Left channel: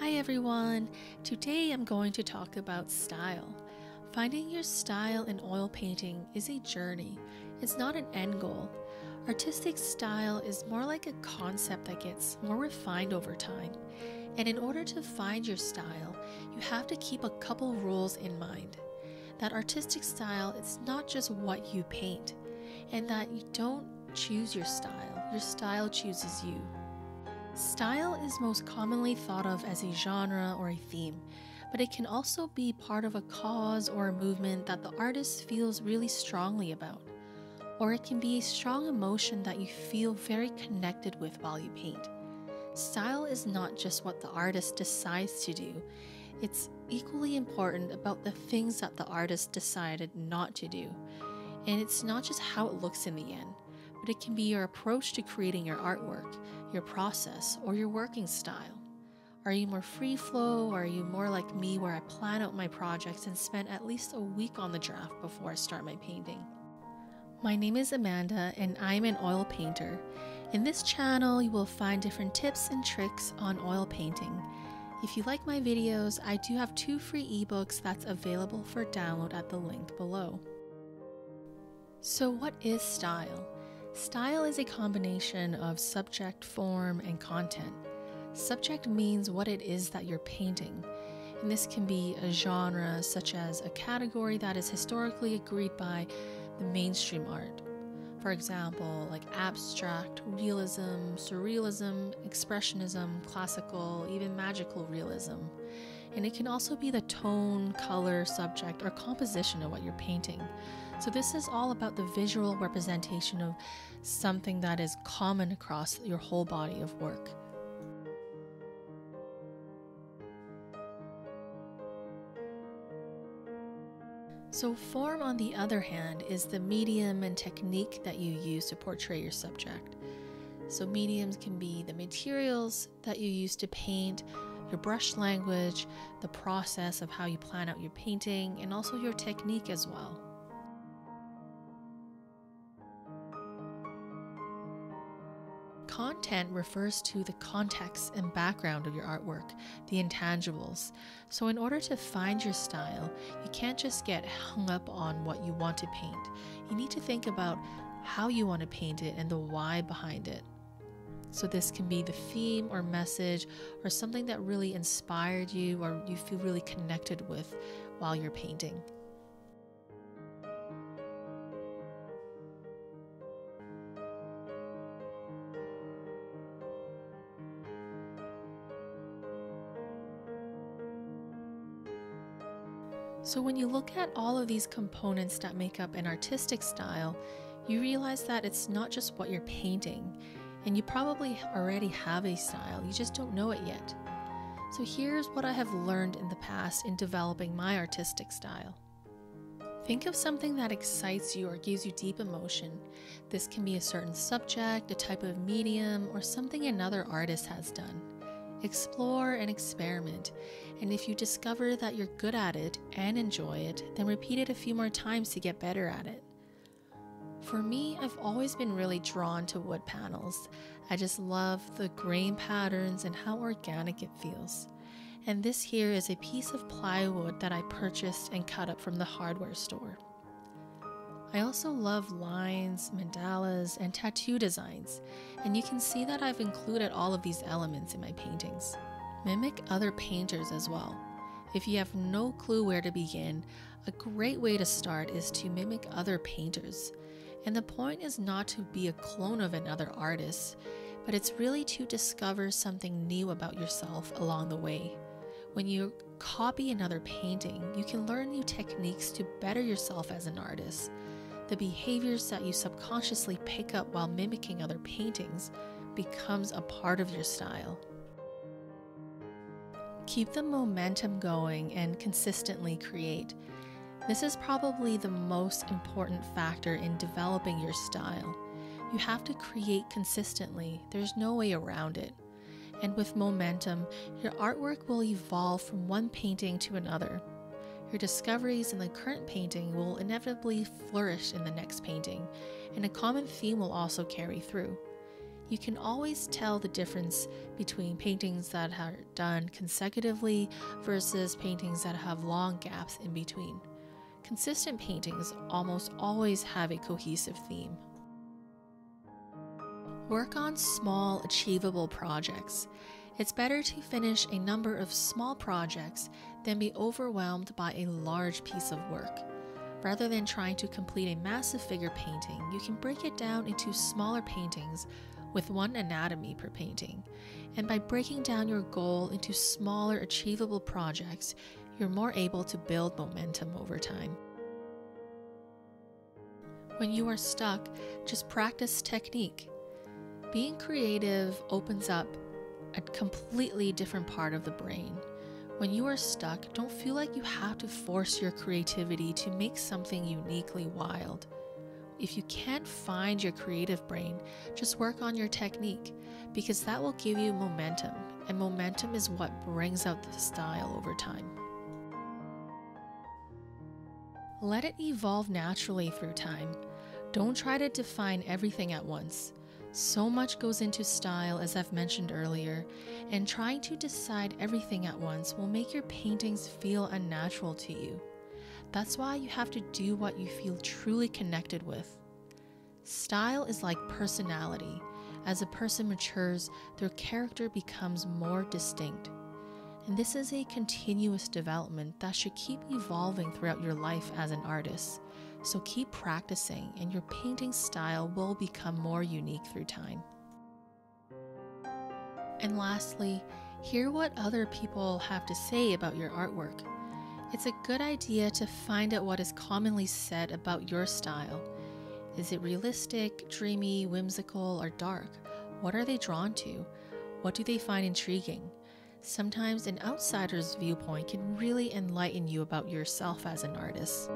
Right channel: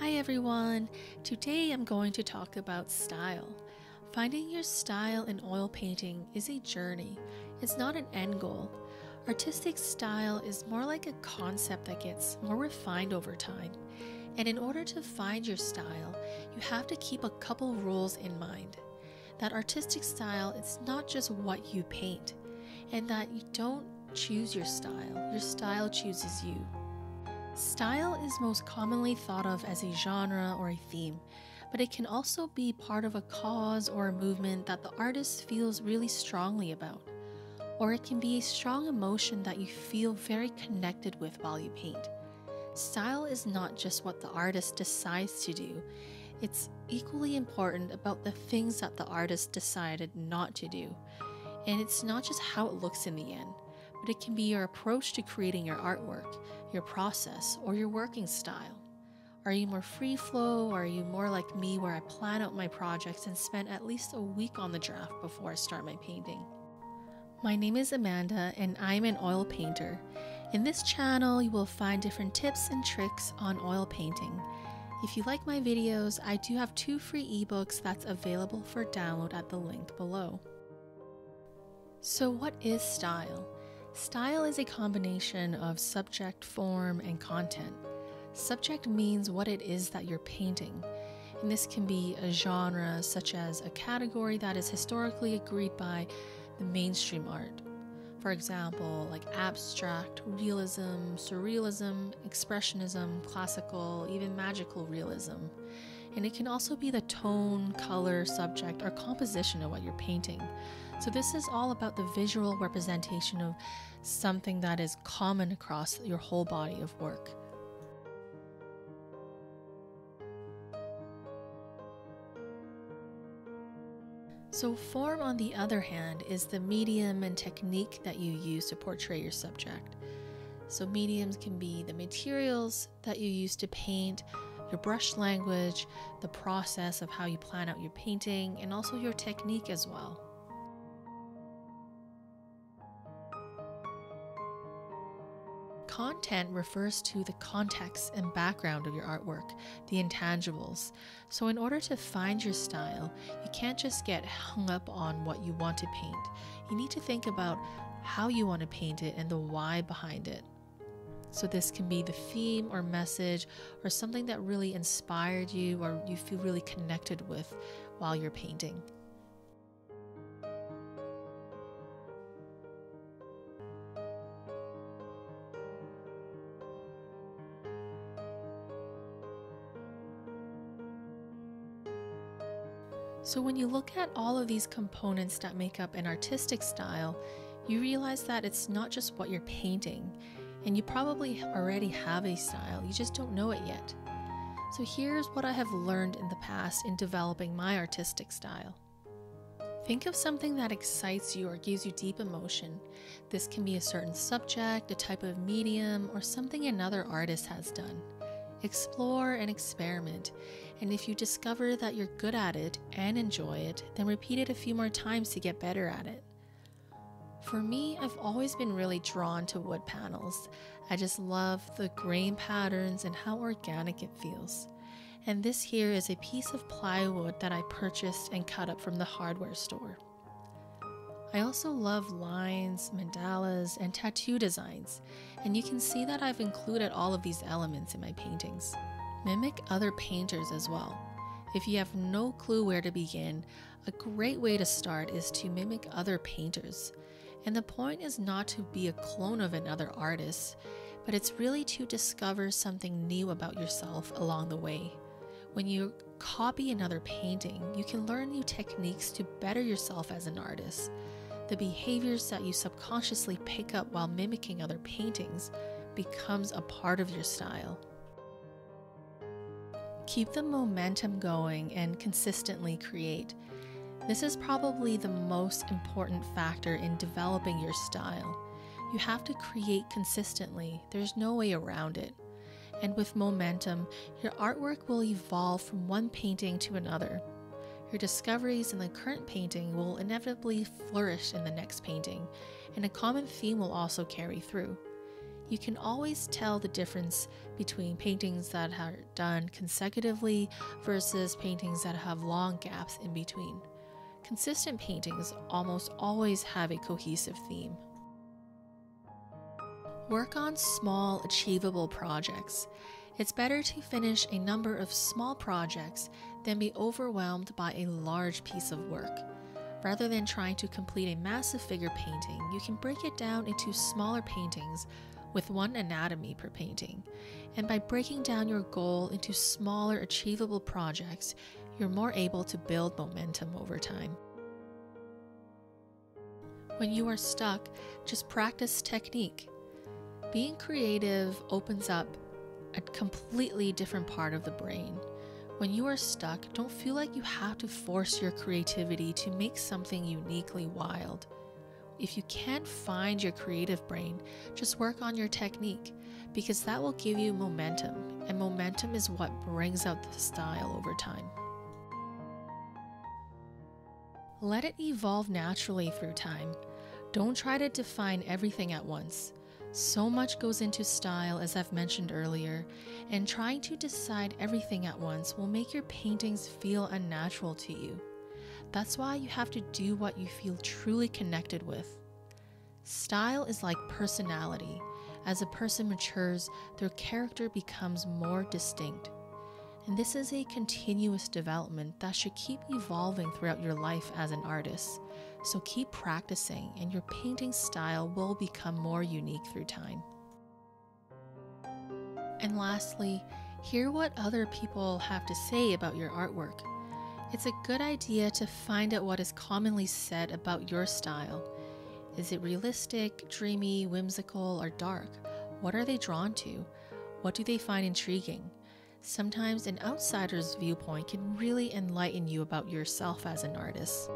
Hi everyone! Today I'm going to talk about style. Finding your style in oil painting is a journey, it's not an end goal. Artistic style is more like a concept that gets more refined over time. And in order to find your style, you have to keep a couple rules in mind. That artistic style is not just what you paint, and that you don't choose your style chooses you. Style is most commonly thought of as a genre or a theme, but it can also be part of a cause or a movement that the artist feels really strongly about. Or it can be a strong emotion that you feel very connected with while you paint. Style is not just what the artist decides to do, it's equally important about the things that the artist decided not to do. And it's not just how it looks in the end, but it can be your approach to creating your artwork, your process, or your working style. Are you more free flow, or are you more like me where I plan out my projects and spend at least a week on the draft before I start my painting? My name is Amanda and I'm an oil painter. In this channel, you will find different tips and tricks on oil painting. If you like my videos, I do have 2 free ebooks that's available for download at the link below. So what is style? Style is a combination of subject, form, and content. Subject means what it is that you're painting, and this can be a genre such as a category that is historically agreed by the mainstream art. For example, like abstract, realism, surrealism, expressionism, classical, even magical realism. And it can also be the tone, color, subject, or composition of what you're painting. So this is all about the visual representation of something that is common across your whole body of work. So form, on the other hand, is the medium and technique that you use to portray your subject. So mediums can be the materials that you use to paint, your brush language, the process of how you plan out your painting, and also your technique as well. Content refers to the context and background of your artwork, the intangibles. So in order to find your style, you can't just get hung up on what you want to paint. You need to think about how you want to paint it and the why behind it. So this can be the theme or message or something that really inspired you or you feel really connected with while you're painting. So when you look at all of these components that make up an artistic style, you realize that it's not just what you're painting, and you probably already have a style, you just don't know it yet. So here's what I have learned in the past in developing my artistic style. Think of something that excites you or gives you deep emotion. This can be a certain subject, a type of medium, or something another artist has done. Explore and experiment, and if you discover that you're good at it and enjoy it, then repeat it a few more times to get better at it. For me, I've always been really drawn to wood panels. I just love the grain patterns and how organic it feels. And this here is a piece of plywood that I purchased and cut up from the hardware store. I also love lines, mandalas, and tattoo designs, and you can see that I've included all of these elements in my paintings. Mimic other painters as well. If you have no clue where to begin, a great way to start is to mimic other painters. And the point is not to be a clone of another artist, but it's really to discover something new about yourself along the way. When you copy another painting, you can learn new techniques to better yourself as an artist. The behaviors that you subconsciously pick up while mimicking other paintings becomes a part of your style. Keep the momentum going and consistently create. This is probably the most important factor in developing your style. You have to create consistently, there's no way around it. And with momentum, your artwork will evolve from one painting to another. Your discoveries in the current painting will inevitably flourish in the next painting, and a common theme will also carry through. You can always tell the difference between paintings that are done consecutively versus paintings that have long gaps in between. Consistent paintings almost always have a cohesive theme. Work on small, achievable projects. It's better to finish a number of small projects than be overwhelmed by a large piece of work. Rather than trying to complete a massive figure painting, you can break it down into smaller paintings with one anatomy per painting. And by breaking down your goal into smaller, achievable projects, you're more able to build momentum over time. When you are stuck, just practice technique. Being creative opens up a completely different part of the brain. When you are stuck, don't feel like you have to force your creativity to make something uniquely wild. If you can't find your creative brain, just work on your technique, because that will give you momentum, and momentum is what brings out the style over time. Let it evolve naturally through time. Don't try to define everything at once. So much goes into style, as I've mentioned earlier, and trying to decide everything at once will make your paintings feel unnatural to you. That's why you have to do what you feel truly connected with. Style is like personality. As a person matures, their character becomes more distinct. And this is a continuous development that should keep evolving throughout your life as an artist. So keep practicing, and your painting style will become more unique through time. And lastly, hear what other people have to say about your artwork. It's a good idea to find out what is commonly said about your style. Is it realistic, dreamy, whimsical, or dark? What are they drawn to? What do they find intriguing? Sometimes an outsider's viewpoint can really enlighten you about yourself as an artist.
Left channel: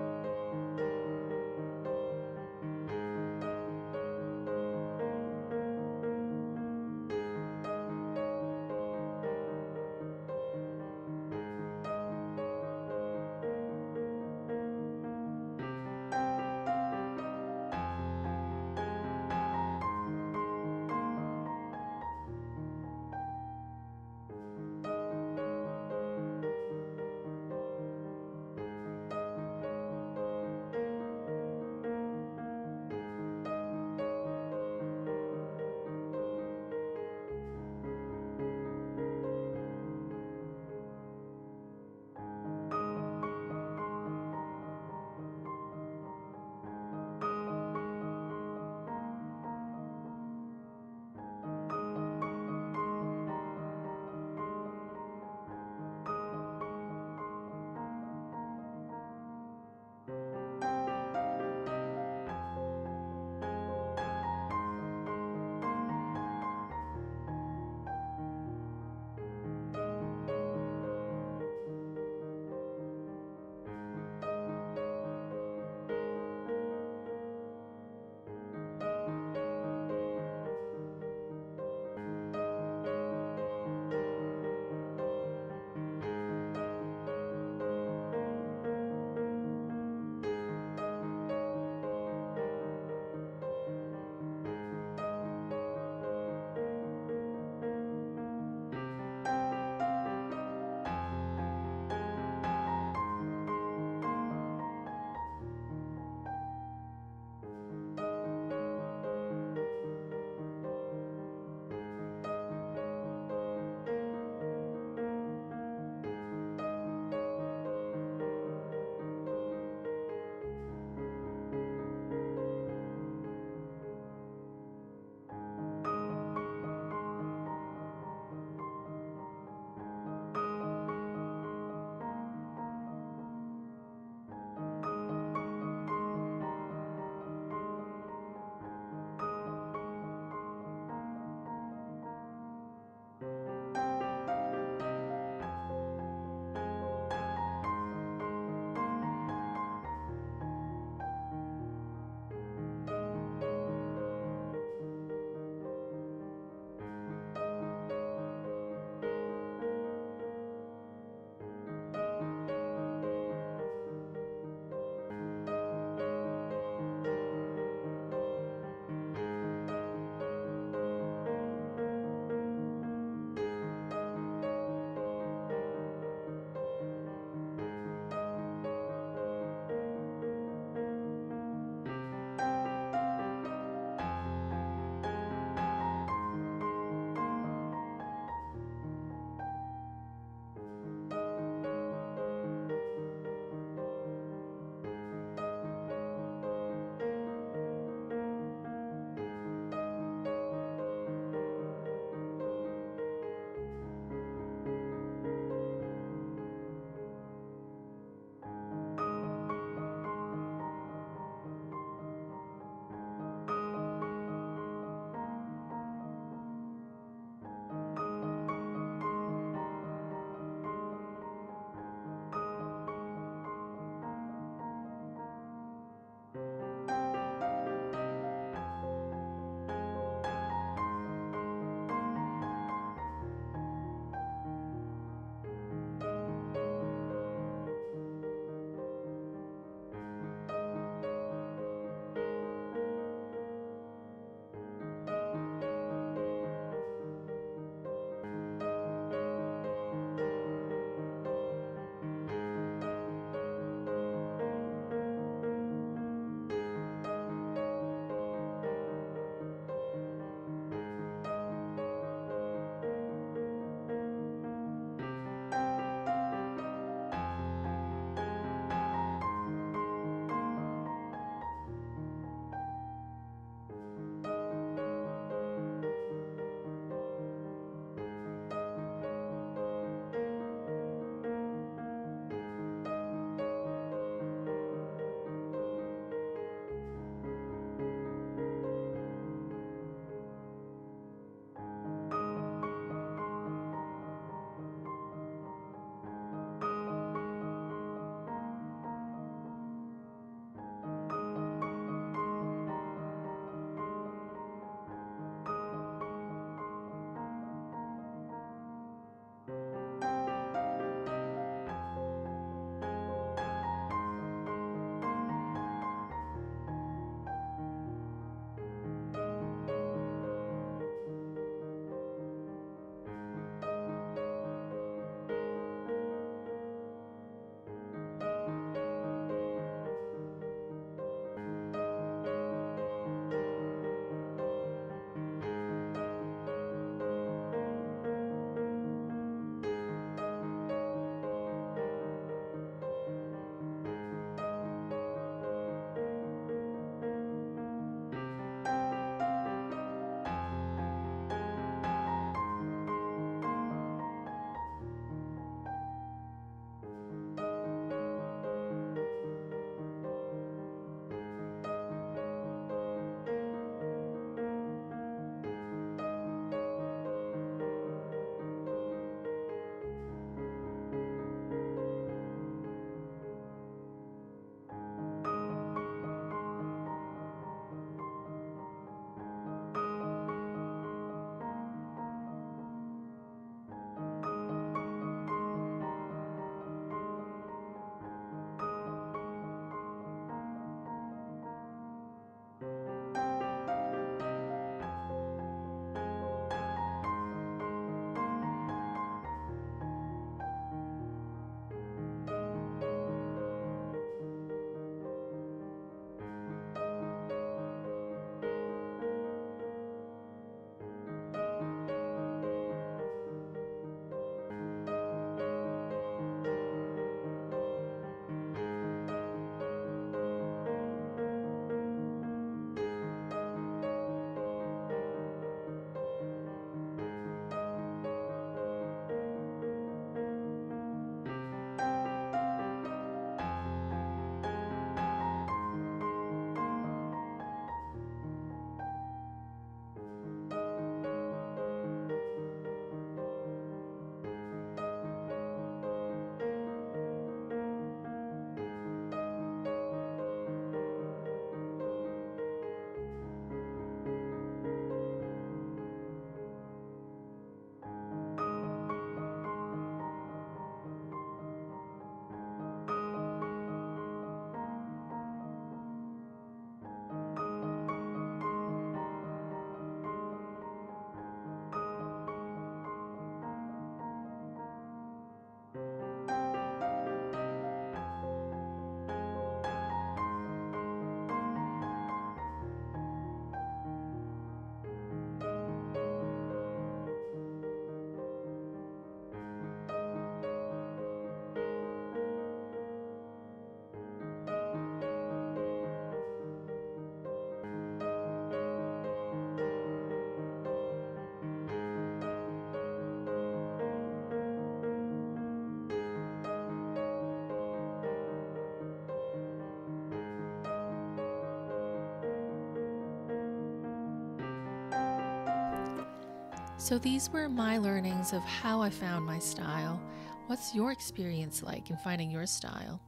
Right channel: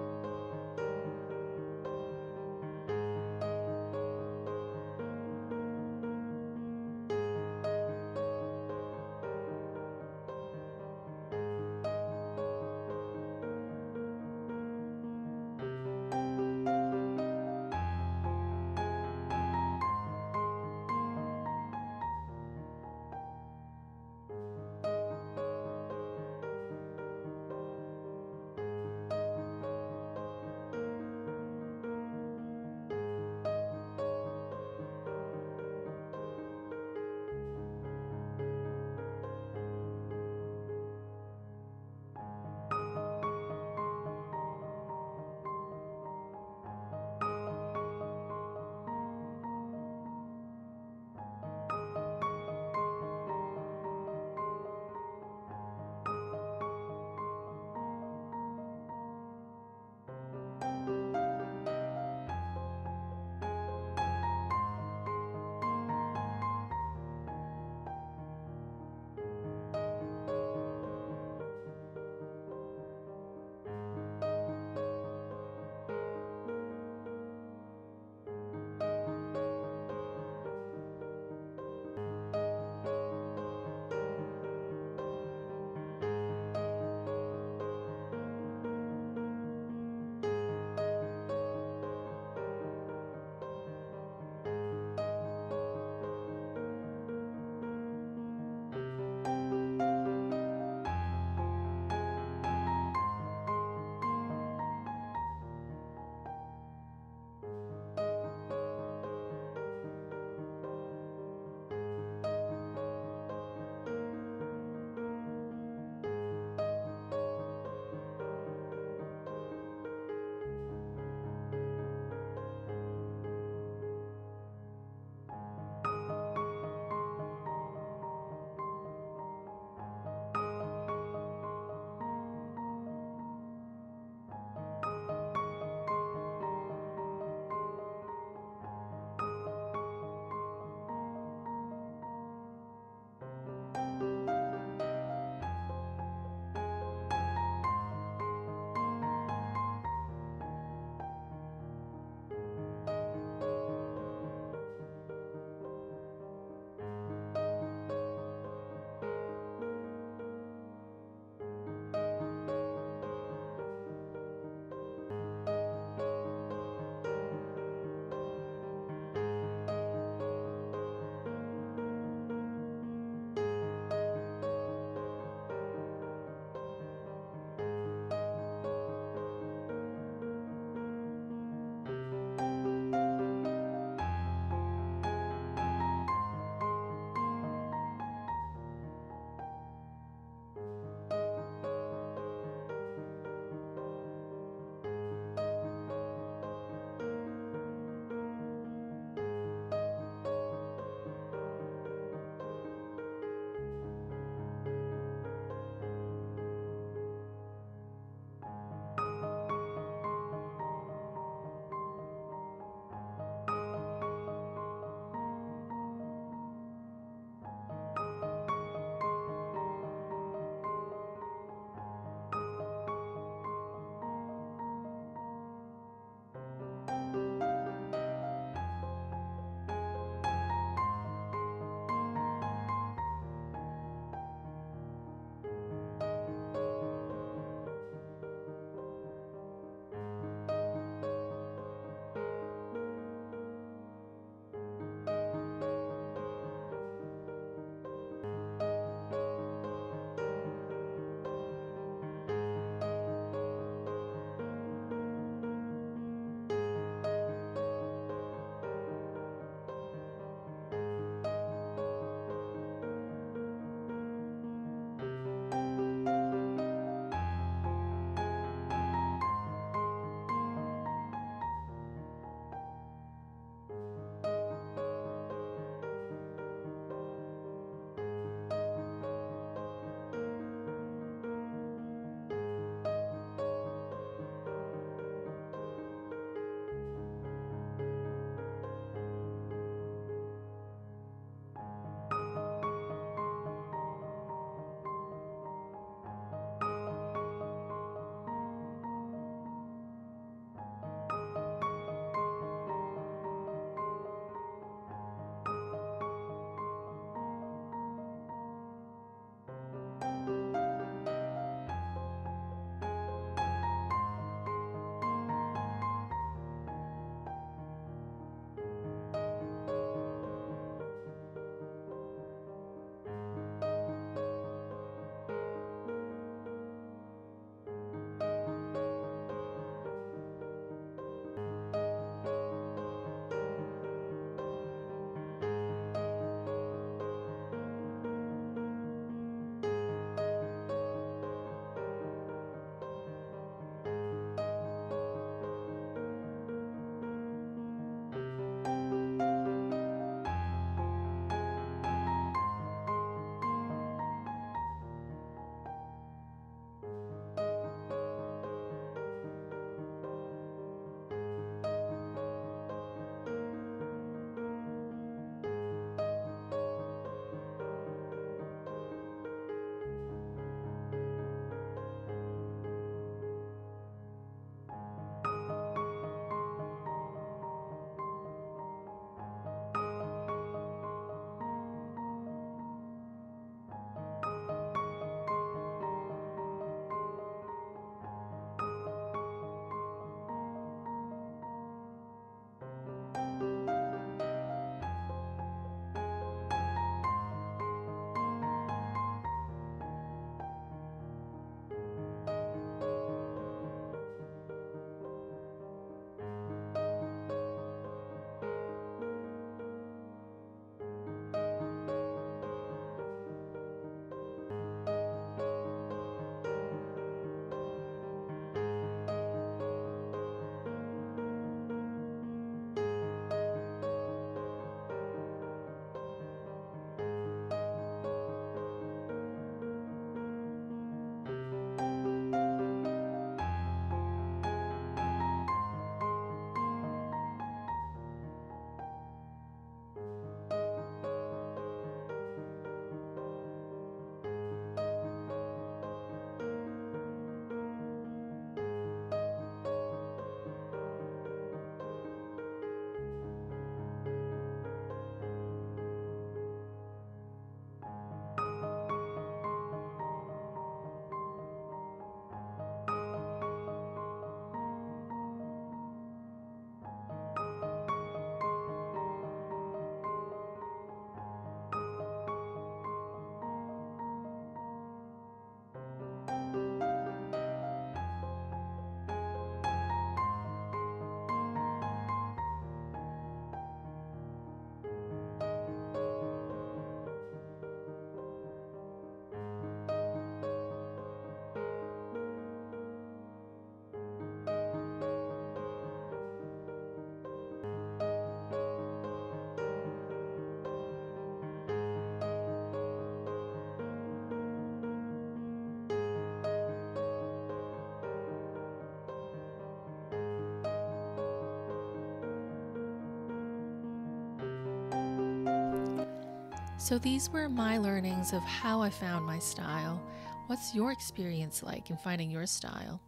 So these were my learnings of how I found my style. What's your experience like in finding your style?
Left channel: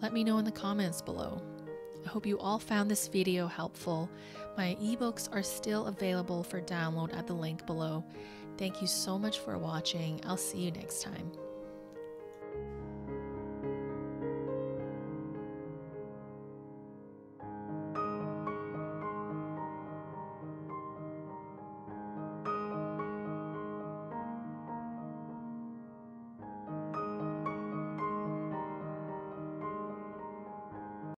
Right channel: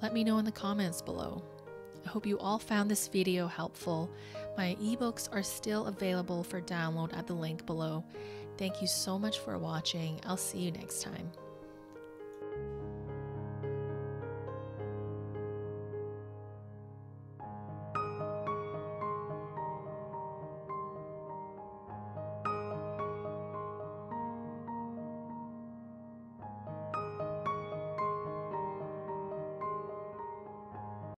Let me know in the comments below. I hope you all found this video helpful. My ebooks are still available for download at the link below. Thank you so much for watching. I'll see you next time.